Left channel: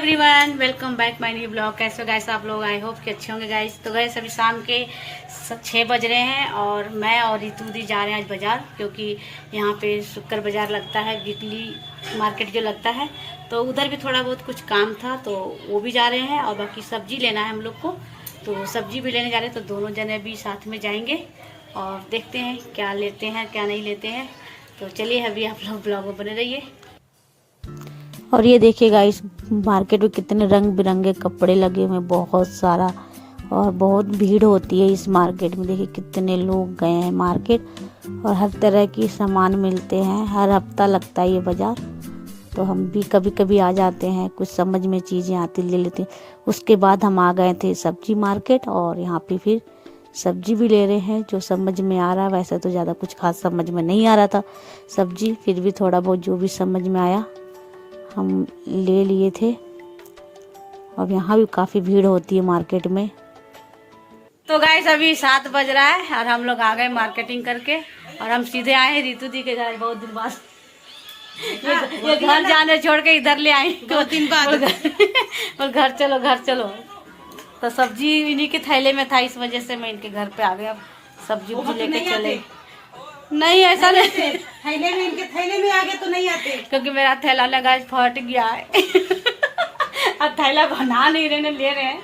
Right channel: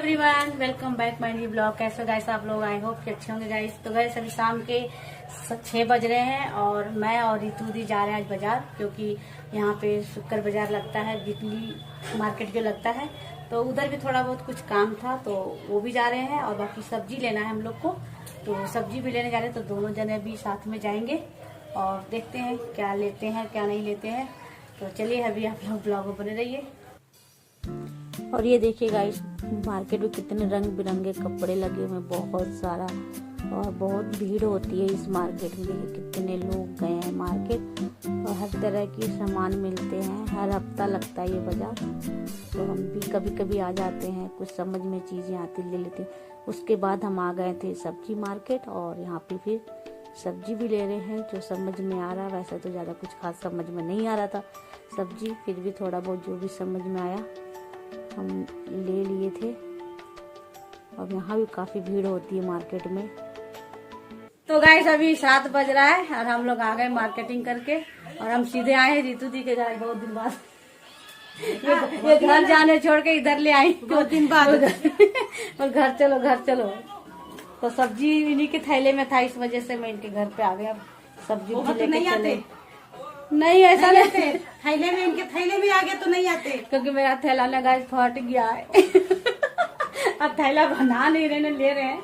Everyone, welcome back my new blog. कैसे हो guys आप लोग? आई होप कि अच्छे होंगे गाइस। तो गाइस अभी शाम के 6 बज रहे हैं और मैं और रितु दी जा रहे हैं आज बाज़ार, क्योंकि यहाँ पे शुक्र बाज़ार लगता है, वीकली मार्केट जो लगता है। तो उधर भी थोड़ा बहुत कुछ काम था तो वो भी जा रहे हैं, और बाकी सब्जी लेना है हम लोग को, तो सब्जी भी लेने जा रहे हैं। तो दोनों जने भी साथ में जाएंगे और देखते हैं क्या लेते हैं क्या नहीं लेते हैं। तो चलिए अभी आप लोग ब्लॉग में बने रहिए। और ये देखिए गाइस, मार्केट में कितने रंग बिरंगे कपड़े लगे हुए हैं, बहुत सारा, और बहुत भीड़ होती है इस मार्केट में। देखिए कितने लोग गए हैं मार्केट, और हर तरह की सामान मिलते हैं। हर हफ्ता लगता है ये बाज़ार, तो हम भी कभी कभी आ जाते हैं, कुछ समझ में चीज़ें आती ले लेते हैं। उसके बाद हम आ गए थे सब्जी मार्केट, और यहाँ पे फिर सब्जी भी ले रहे हैं जो समझ में आ रहा है। वैसे तो ज़्यादा कुछ खास समझ में नहीं आ रहा था सब्जी, फिर भी थोड़ा बहुत जो भी समझ में आया हम ले लिए थे। और यहाँ भी काफ़ी भीड़ होती है मार्केट में। तो गाइस अभी 7 बज रहा है और हम लोग आ गए मार्केटिंग करके, और हम सीधे आए हैं रितु दी के घर बहुत दिन बाद। ये घर जाने छोड़ के इधर ले आई 2 दिन बाद। और घर चलो घर चलो, तो सब्जी इन्हीं के थैले में था, इस वजह से मैं इनके घर पे आ गया। सब्जी लेके चले। नहीं ऐसा नहीं, थैले में इनके थैले में आ गए तो नहीं आते, क्योंकि मेरा थैला ना गाइस फट गया है। अब थैला बना नहीं रहे, ले रहे हैं,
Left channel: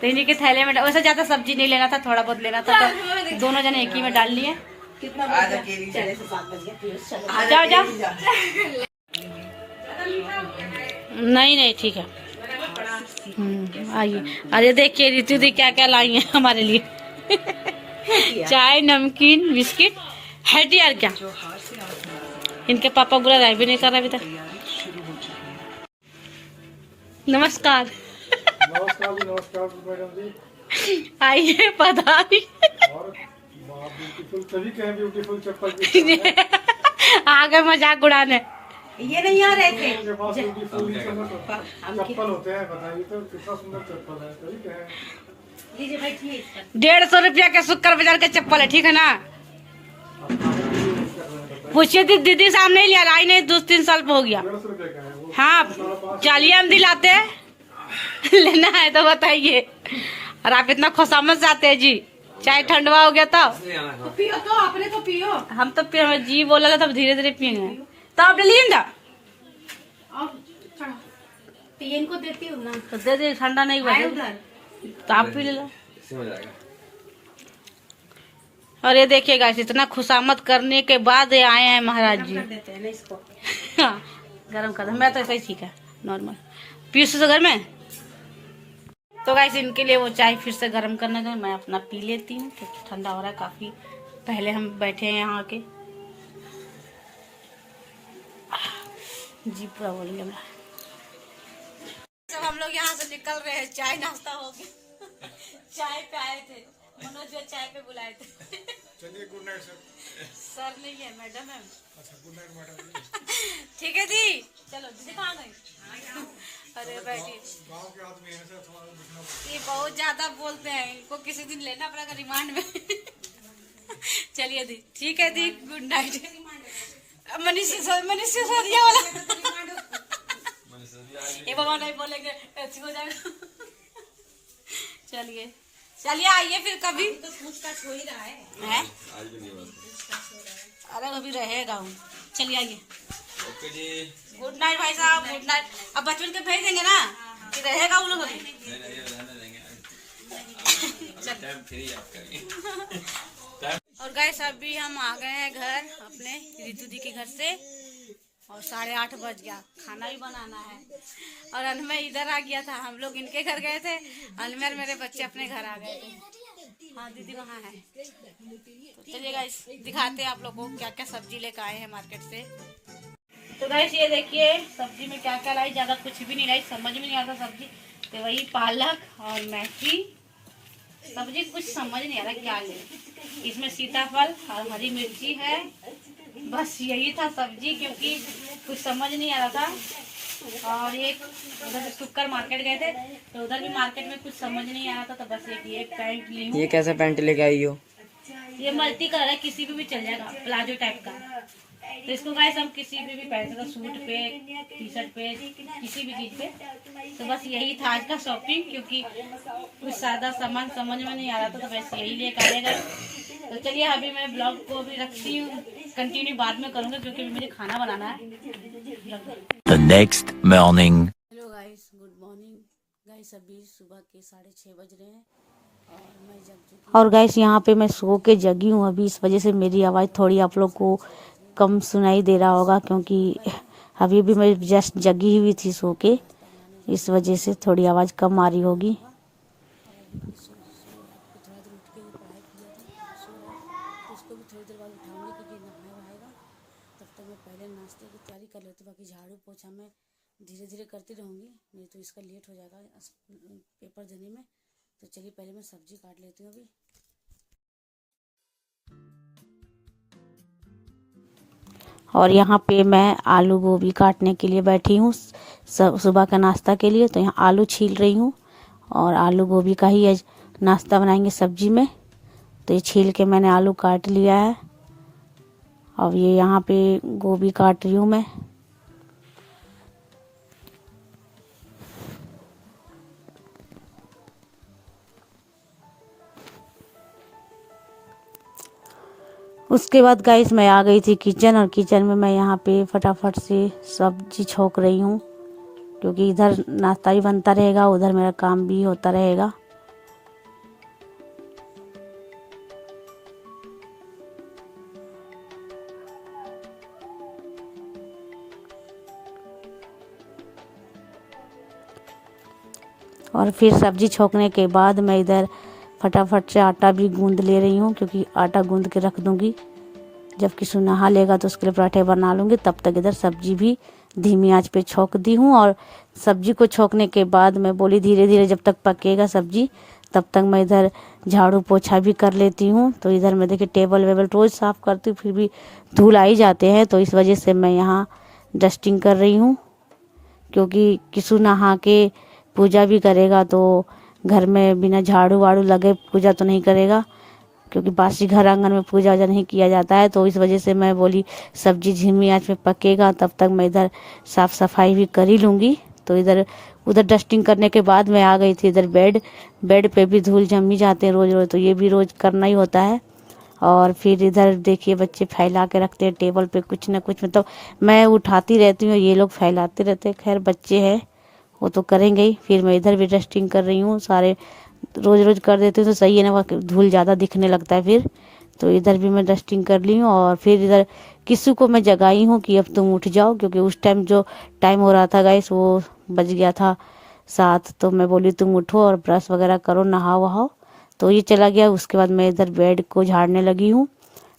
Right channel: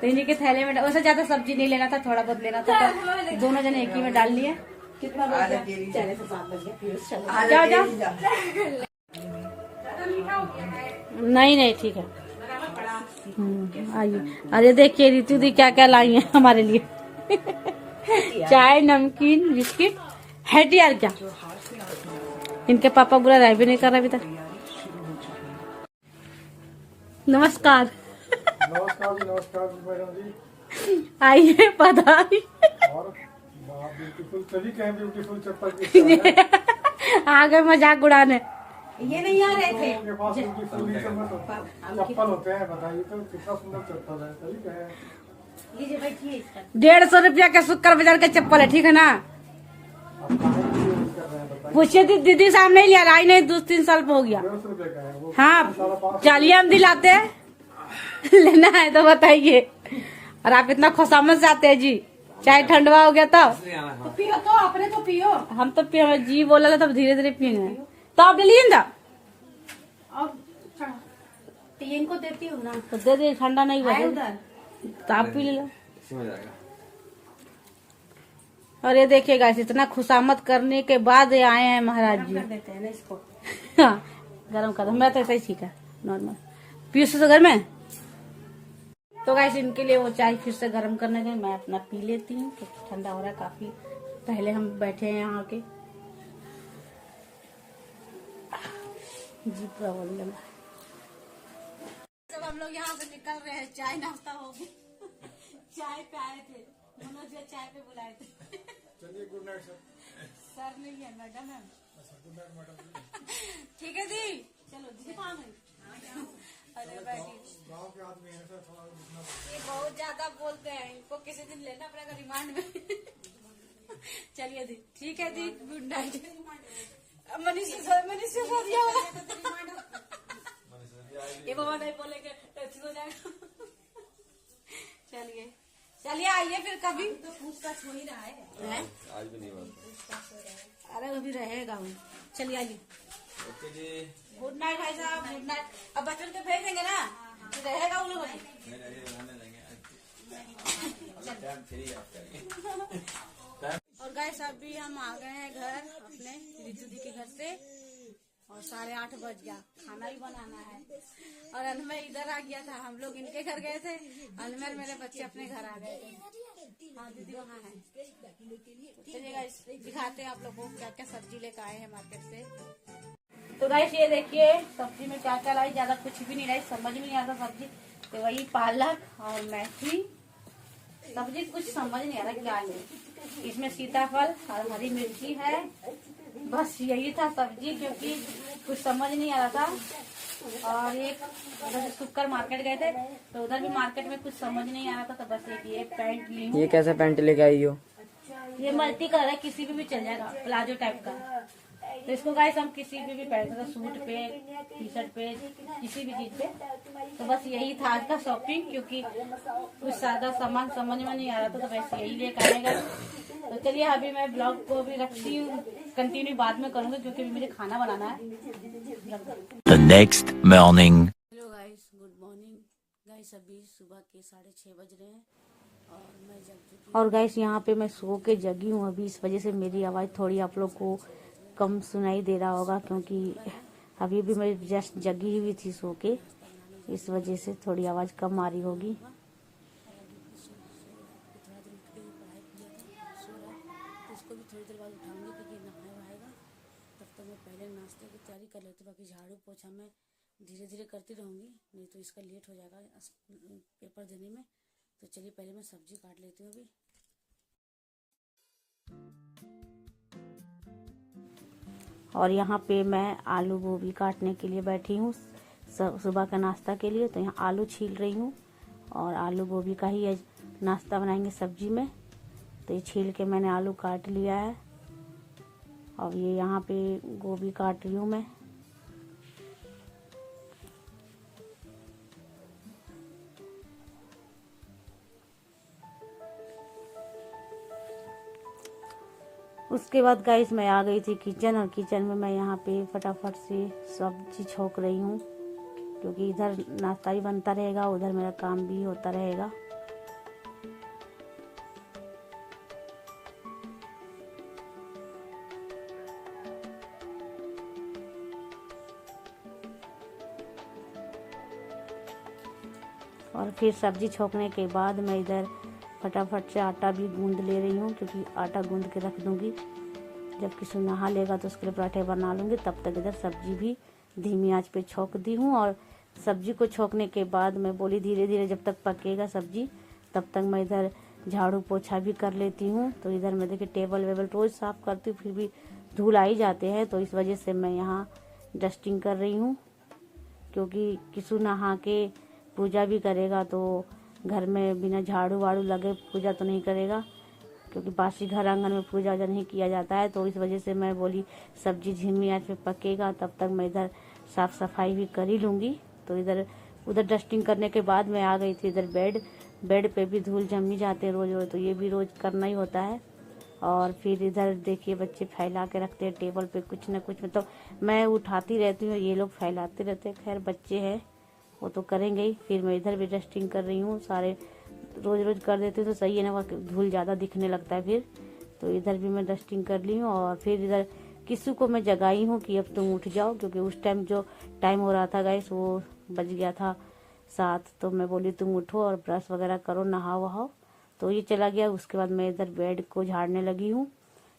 तो इन्हीं के थैले में। वैसे ज्यादा सब्जी नहीं लेना था, थोड़ा बहुत लेना था, तो दोनों जने एक ही में डाल लिए। जाओ जाओ, नहीं नहीं ठीक है। आइए, अरे देखिए रितु दी क्या क्या लाई है हमारे लिए। चाय, नमकीन, बिस्किट है यार। क्या इनके पापा बुला रहा भी नहीं कर रहा अभी तक। नमस्कार। नमस्कार मैडम जी। आइए पधारिए। और ब्यूटीफुल, तभी कहें ब्यूटीफुल चप्पल आ गए मजाक उड़ाने। ये नहीं आ रहे थे। के पास ब्यूटीफुल चप्पल होते हैं, बताइए तो कितना सुंदर चप्पल है। तभी कहें लीजिए बैठिए। 150 रुपया के शुक्र बाजार का चप्पल है, ठीक है ना? आप खाने के लिए यूज कर रहे हैं, बताइए। पूछिए दीदी साहब नहीं लिया, आई नहीं 2-3 साल पे हो गया। 150 रुपये का है वो। हाँ चलिए हम दिलाते हैं। लेना है तो बताइए। और आप इतना खुशामद से आते हैं जी, चाय ठंडवा हो गया तो पियो, तो आपने तो पियो। हम तो पिए, जी बोला तब धीरे धीरे पीने, तो आप ले लीजिए ना। पिए इनको देती हूँ ना, तो दे दे, ठंडा नहीं हुआ उधर। तो आप पी ले लो। और ये देखिए गाइस, इतना खुशामद करने के बाद ये आए हैं महाराज जी। कर देते हैं ना इसको। हाँ गरम कर दो, मैं तो ऐसा ही ठीक है नॉर्मल। पीस तो घर में। तो गाइस इनके लिए वो चाय फिर से गर्म करने का, मैं अपना पी लेती हूँ क्योंकि ठंडा हो रहा है काफी। पहले हम बैठे हैं यहाँ के, जी पूरा बोल गया। सब हम लोग यहाँ से निकल रहे हैं, चाय नाश्ता हो गया। चाय पे आए थे, मनोज जो चाय पे बुलाए थे। चलिए गुड नाइट सर। सर नहीं है, मैडम है। अच्छा गुड नाइट मैडम। ठीक है दी, चलो दीदी कहाँ गई? अरे बैठी। गाँव के आदमी है सर, थोड़ा दिखना पड़ता ये बहुत ज्यादा बोलते हैं, इनको किसी दिन लेना पड़ेगा रिमांड में। चलिए दी, ठीक है दी, गुड नाइट। मनीष सिसोदिया वाला, ये बाबा नहीं बोलेंगे ऐसी हो जाएगा। चलिए चलिए आइए फिर कभी। तो पूछताछ हो ही रहा है। हैं? अरे अभी रहेगा हूँ। चलिए आइए। ओके जी, गुड नाइट भाई साहब, गुड नाइट। अब बचपन के भेज देंगे ना कि रहेगा वो लोग अभी। टाइम फ्री आप करिए। और गाइस अभी हम आ गए हैं घर अपने रितु दी के घर से, और 8:30 बज गया, खाना भी बनाना है। और अनमेर इधर आ गया था, हम लोग इनके घर गए थे, अनमेर मेरे बच्चे अपने घर आ गए थे। हाँ दीदी वहाँ है। तो चलिए गाइस दिखाते हैं आप लोग को क्या क्या सब्जी लेकर आए हैं मार्केट से। तो गाइस ये देखिए सब्जी में क्या क्या लाई, ज्यादा कुछ भी नहीं लाई, समझ में नहीं आता सब्जी। तो वही पालक और मेथी, सब्जी कुछ समझ नहीं आ रहा क्या ले। इसमें सीताफल और हरी मिर्ची है, बस यही था सब्जी, क्योंकि कुछ समझ नहीं आ रहा था। और एक उधर शुक्र मार्केट गए थे, तो उधर भी मार्केट में कुछ समझ नहीं आ रहा था, तो बस एक ये पैंट ली हूँ। ये कैसा पैंट लेके आई हो? ये मल्टी कलर है, किसी पे भी चल जाएगा, प्लाजो टाइप का। तो इसको गाइस हम किसी पे भी पहन सकते, सूट पे, टी शर्ट पे, किसी भी चीज पे। तो बस यही था आज का शॉपिंग, क्योंकि कुछ सादा सामान समझ में नहीं आ रहा था, तो बस यही लेकर आने गए। तो चलिए अभी मैं ब्लॉग को भी रखती हूँ, कंटिन्यू बाद में करूँगा क्योंकि मुझे खाना बनाना है। The next morning. Hello guys, good morning guys. अभी सुबह के 6:30 बज रहे हैं और मैं जग चुकी। और गाइस यहाँ पे मैं सो के जगी हूँ अभी, इस वजह से मेरी आवाज़ थोड़ी आप लोग को कम सुनाई दे रहा होगा, क्योंकि अभी भी मैं जस्ट जगी हुई थी सो के, इस वजह से थोड़ी आवाज़ कम आ रही होगी। उसको भी थोड़ी देर बाद उठाऊंगी क्योंकि नहाए वहाएगा, तब तक मैं पहले नाश्ते की तैयारी कर लेती हूँ। बाकी झाड़ू पोछा मैं धीरे धीरे करती रहूँगी, नहीं तो इसका लेट हो जाएगा पेपर देने में। तो चलिए पहले मैं सब्जी काट लेती हूँ अभी। और यहाँ पे मैं आलू गोभी काटने के लिए बैठी हूँ सुबह का नाश्ता के लिए। तो यहाँ आलू छील रही हूँ और आलू गोभी का ही आज नाश्ता बनाएंगे सब्जी में। तो ये छील के मैंने आलू काट लिया है। अब ये यहाँ पे गोभी काट रही हूँ मैं। उसके बाद गाइस मैं आ गई थी किचन, और किचन में मैं यहाँ पे फटाफट से सब्जी छोक रही हूँ, क्योंकि इधर नाश्ता भी बनता रहेगा, उधर मेरा काम भी होता रहेगा। और फिर सब्जी छोकने के बाद मैं इधर फटाफट से आटा भी गूंद ले रही हूँ, क्योंकि आटा गूंद के रख दूँगी, जब किसी नहा लेगा तो उसके लिए पराठे बना लूँगी। तब तक इधर सब्जी भी धीमी आंच पे छोक दी हूँ। और सब्जी को छोकने के बाद मैं बोली धीरे धीरे जब तक पकेगा सब्जी, तब तक मैं इधर झाड़ू पोछा भी कर लेती हूँ। तो इधर मैं देखिए टेबल वेबल रोज़ साफ़ करती हूँ, फिर भी धूल आ ही जाते हैं, तो इस वजह से मैं यहाँ डस्टिंग कर रही हूँ। क्योंकि किसी नहा के पूजा भी करेगा तो घर में बिना झाड़ू वाड़ू लगे पूजा तो नहीं करेगा, क्योंकि बासी घर आंगन में पूजा वूजा नहीं किया जाता है। तो इस वजह से मैं बोली सब्जी धीमी आंच में पकेगा, तब तक मैं इधर साफ़ सफाई भी कर ही लूँगी। तो इधर उधर डस्टिंग करने के बाद मैं आ गई थी इधर बेड पे भी धूल जम ही जाते हैं रोज़ रोज़, तो ये भी रोज़ करना ही होता है। और फिर इधर देखिए बच्चे फैला के रखते हैं टेबल पे कुछ ना कुछ, मतलब मैं उठाती रहती हूँ, ये लोग फैलाते रहते हैं। खैर बच्चे हैं वो तो करेंगे ही। फिर मैं इधर भी डस्टिंग कर रही हूँ, सारे रोज़ रोज़ कर देती हूँ तो सही है ना, धूल ज़्यादा दिखने लगता है फिर। तो इधर भी मैं डस्टिंग कर ली हूँ। और फिर इधर किसी को मैं जगाई हूँ कि अब तुम उठ जाओ, क्योंकि उस टाइम जो टाइम हो रहा था गाइस वो बज गया था 7। तो मैं बोली तुम उठो और ब्रश वगैरह करो, नहाओ वहाओ। तो ये चला गया। उसके बाद मैं इधर बेड को झाड़ने लगी हूँ,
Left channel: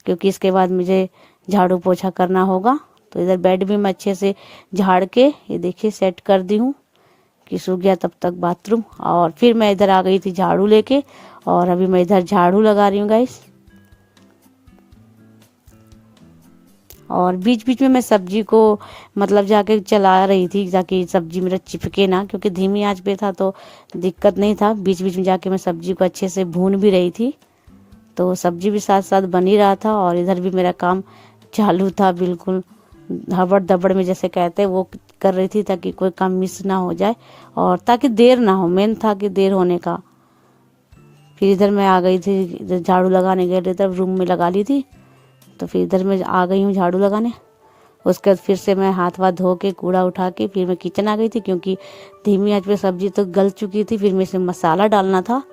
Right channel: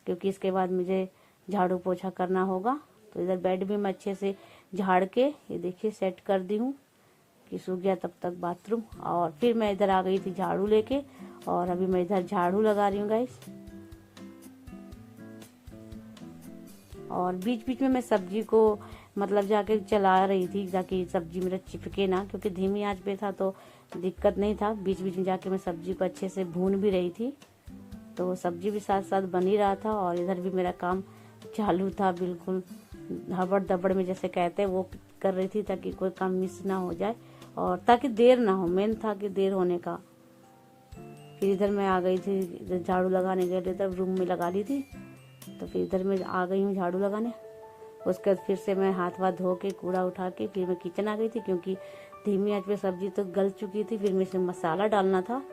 क्योंकि इसके बाद मुझे झाड़ू पोछा करना होगा। तो इधर बेड भी मैं अच्छे से झाड़ के ये देखिए सेट कर दी हूँ कि सूख गया तब तक बाथरूम। और फिर मैं इधर आ गई थी झाड़ू लेके, और अभी मैं इधर झाड़ू लगा रही हूँ गाइस। और बीच बीच में मैं सब्जी को मतलब जाके चला रही थी ताकि सब्जी मेरा चिपके ना, क्योंकि धीमी आंच पे था तो दिक्कत नहीं था। बीच बीच में जाके मैं सब्जी को अच्छे से भून भी रही थी, तो सब्जी भी साथ साथ बन ही रहा था। और इधर भी मेरा काम चालू था, बिल्कुल हबड़ दबड़ में जैसे कहते हैं वो कर रही थी, ताकि कोई काम मिस ना हो जाए और ताकि देर ना हो। मेन था कि देर होने का। फिर इधर मैं आ गई थी, इधर झाड़ू लगाने गए थे तब रूम में लगा ली थी, तो फिर इधर मैं आ गई हूँ झाड़ू लगाने। उसके बाद फिर से मैं हाथ वाथ धो के कूड़ा उठा के फिर मैं किचन आ गई थी, क्योंकि धीमी आंच पे सब्जी तो गल चुकी थी। फिर मैं इसमें मसाला डालना था,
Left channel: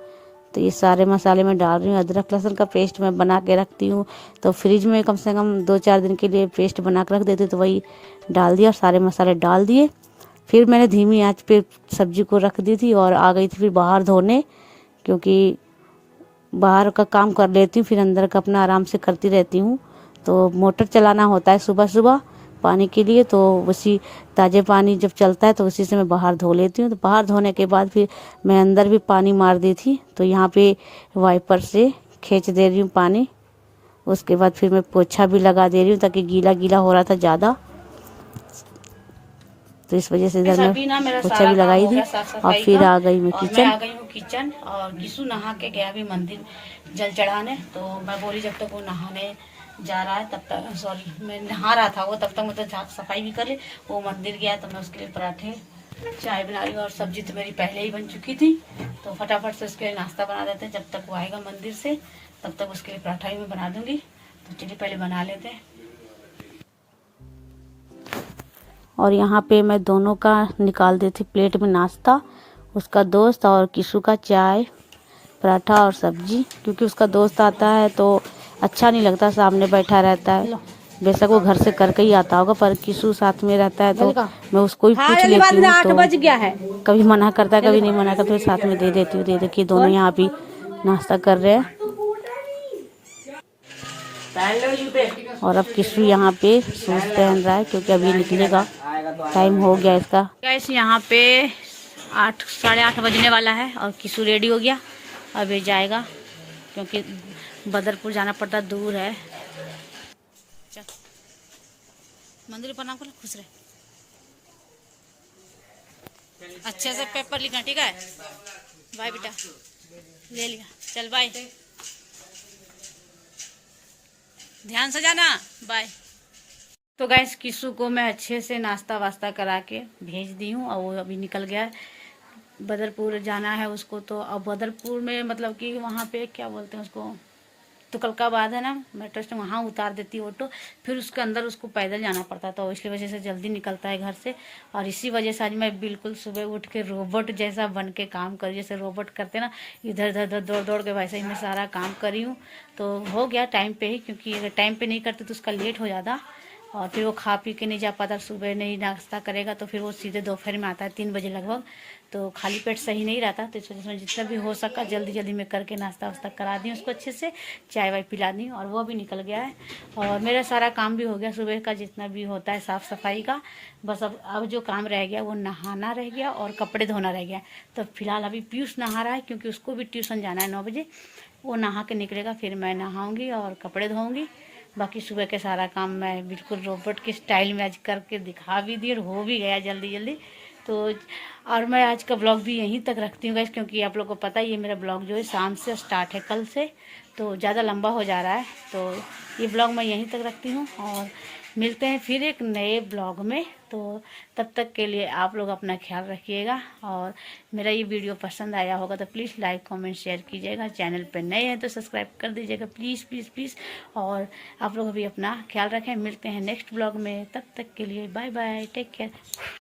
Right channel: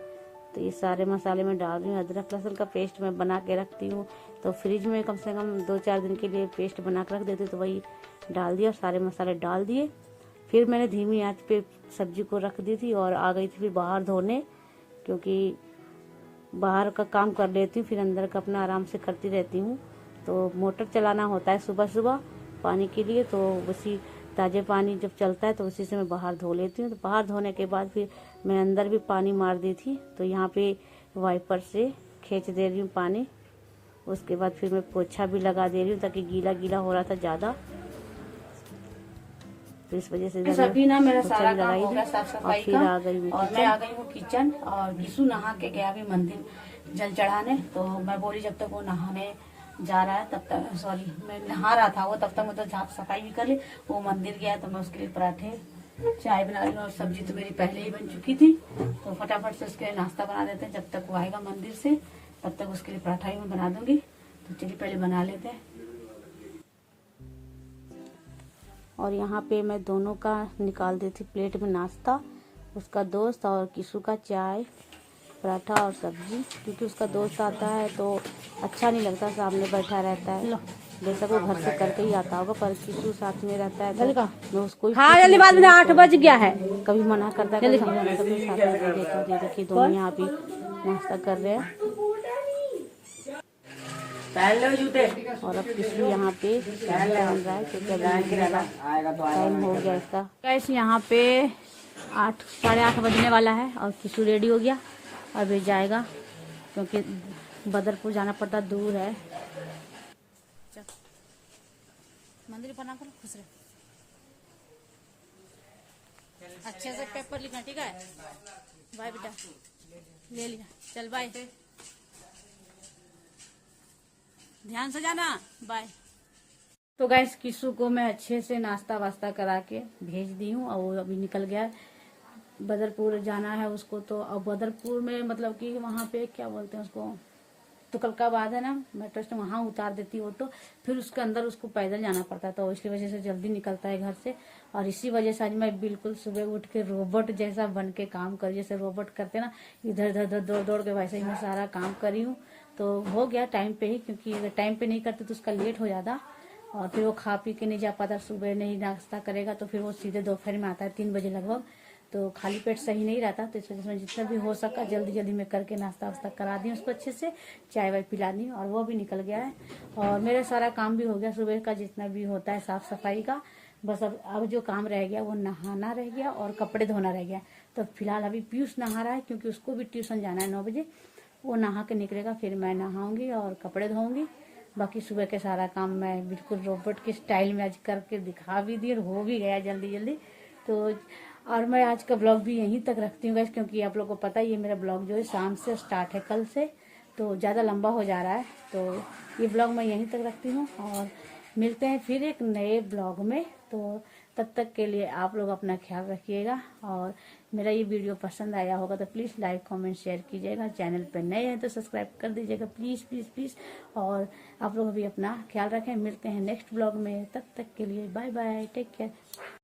तो ये सारे मसाले मैं डाल रही हूँ। अदरक लहसुन का पेस्ट मैं बना के रखती हूँ, तो फ्रिज में कम से कम 2-4 दिन के लिए पेस्ट बना के रख देती, तो वही डाल दिया और सारे मसाले डाल दिए। फिर मैंने धीमी आंच पे सब्जी को रख दी थी और आ गई थी फिर बाहर धोने, क्योंकि बाहर का काम कर लेती हूँ फिर अंदर का अपना आराम से करती रहती हूँ। तो मोटर चलाना होता है सुबह सुबह पानी के लिए, तो उसी ताज़े पानी जब चलता है तो उसी से मैं बाहर धो लेती हूँ। तो बाहर धोने के बाद फिर मैं अंदर भी पानी मार दी थी, तो यहाँ पे वाइपर से खींच दे रही हूँ पानी। उसके बाद फिर मैं पोछा भी लगा दे रही हूँ, ताकि गीला गीला हो रहा था ज़्यादा, तो इस वजह से इधर मैं पोछा भी लगाई थी। और फिर आ गई मैं किचन। आ गई हूँ किचन, और गिसू नहा के गया भी मंदिर जल चढ़ाने। तो मैं बोली जब तक वो नहाने जा रहा है तब तक, सॉरी मैं नहा रहा था वो, तब तक मतलब साफ सफाई भी कर ली। वो मंदिर गया तो मैं उसके लिए पराठे चाय बना रही हूँ, और सब्जी तो मेरी पहले ही बन चुकी थी, तो फटाफट से उसके लिए नाश्ता बना देते हैं। जब तक वो आएगा मंदिर से तब तक उसके लिए पराठा ही मैं बना दूंगी। तो चलिए पहले बना लेते हैं। और यहाँ पे मैं दोनों का निकाल देती प्लेट में नाश्ता, उसका दोस्त और किशु का चाय पराठा और सब्जी, क्योंकि उसका दोस्त आता है तो अच्छा नहीं लगता, सामने बैठा रहता है। बेशक वो घर से करके ही आता होगा, पर किशु साथ में रहता है तो मैं उसको ही पूछ लेती हूँ। 8 बज गया है, कभी मना करता है कभी नहीं मना करता, फिर साथ में दे देती हूँ। दे देखिए दोनों यहाँ भी नाश्ता कर रहे हैं। और अब किशु यहाँ पे सूट पहन रहा है क्योंकि अभी निकलेगा, टाइम हो गया इसका। गाइस यहाँ पे 8 साढ़े 8 बजने वाला है और किशु रेडी हो गया, अभी जाएगा क्योंकि बदरपुर जाना पड़ता, दूर है। चल मंदिर प्रणाम कर, खुश रहे, अच्छे से पेपर लिखना, ठीक है? बाय बेटा, ले लिया, चल बाय, ध्यान से जाना, बाय। तो गाइस किशु को मैं अच्छे से नाश्ता वास्ता करा के भेज दी हूँ और वो अभी निकल गया है, बदरपुर जाना है उसको। तो अब बदरपुर में मतलब कि वहाँ पे क्या बोलते हैं उसको, तुगलकाबाद है ना मेट्रो स्टेशन, वहाँ उतार देती ऑटो, फिर उसके अंदर उसको पैदल जाना पड़ता, तो इसकी वजह से जल्दी निकलता है घर से। और इसी वजह से आज मैं बिल्कुल सुबह उठ के रोबोट जैसा बन के काम करी, जैसे रोबोट करते ना, इधर उधर दौड़ दौड़ के, वैसे ही मैं सारा काम करी हूँ। तो हो गया टाइम पे ही, क्योंकि अगर टाइम पे नहीं करते तो उसका लेट हो जाता और फिर वो खा पी के नहीं जा पाता। सुबह नहीं नाश्ता करेगा तो फिर वो सीधे दोपहर में आता है 3 बजे लगभग, तो खाली पेट सही नहीं रहता। तो इस वजह से जितना भी हो सका जल्दी जल्दी में करके नाश्ता वास्ता करा दी उसको, अच्छे से चाय वाय पिला दी, और वो भी निकल गया है। और मेरा सारा काम भी हो गया सुबह का, जितना भी होता है साफ़ सफाई का। बस अब जो काम रह गया वो नहाना रह गया और कपड़े धोना रह गया। तो फिलहाल अभी पीयूष नहा रहा है क्योंकि उसको भी ट्यूशन जाना है 9 बजे, वो नहा के निकलेगा, फिर मैं नहाऊँगी और कपड़े धोऊँगी। बाकी सुबह के सारा काम मैं बिल्कुल रोबोट के स्टाइल में आज करके दिखा भी दी और हो भी गया जल्दी जल्दी। तो और मैं आज का ब्लॉग भी यहीं तक रखती हूँ गाइस, क्योंकि आप लोगों को पता है ये मेरा ब्लॉग जो है शाम से स्टार्ट है, कल से, तो ज़्यादा लंबा हो जा रहा है। तो ये ब्लॉग मैं यहीं तक रखती हूँ और मिलते हैं फिर एक नए ब्लॉग में। तो तब तक के लिए आप लोग अपना ख्याल रखिएगा, और मेरा ये वीडियो पसंद आया होगा तो प्लीज़ लाइक कमेंट शेयर कीजिएगा। चैनल पर नए हैं तो सब्सक्राइब कर दीजिएगा प्लीज़ प्लीज़ प्लीज़। और आप लोग भी अपना ख्याल रखें, मिलते हैं नेक्स्ट ब्लॉग में, तब तक के लिए बाय बाय, टेक केयर।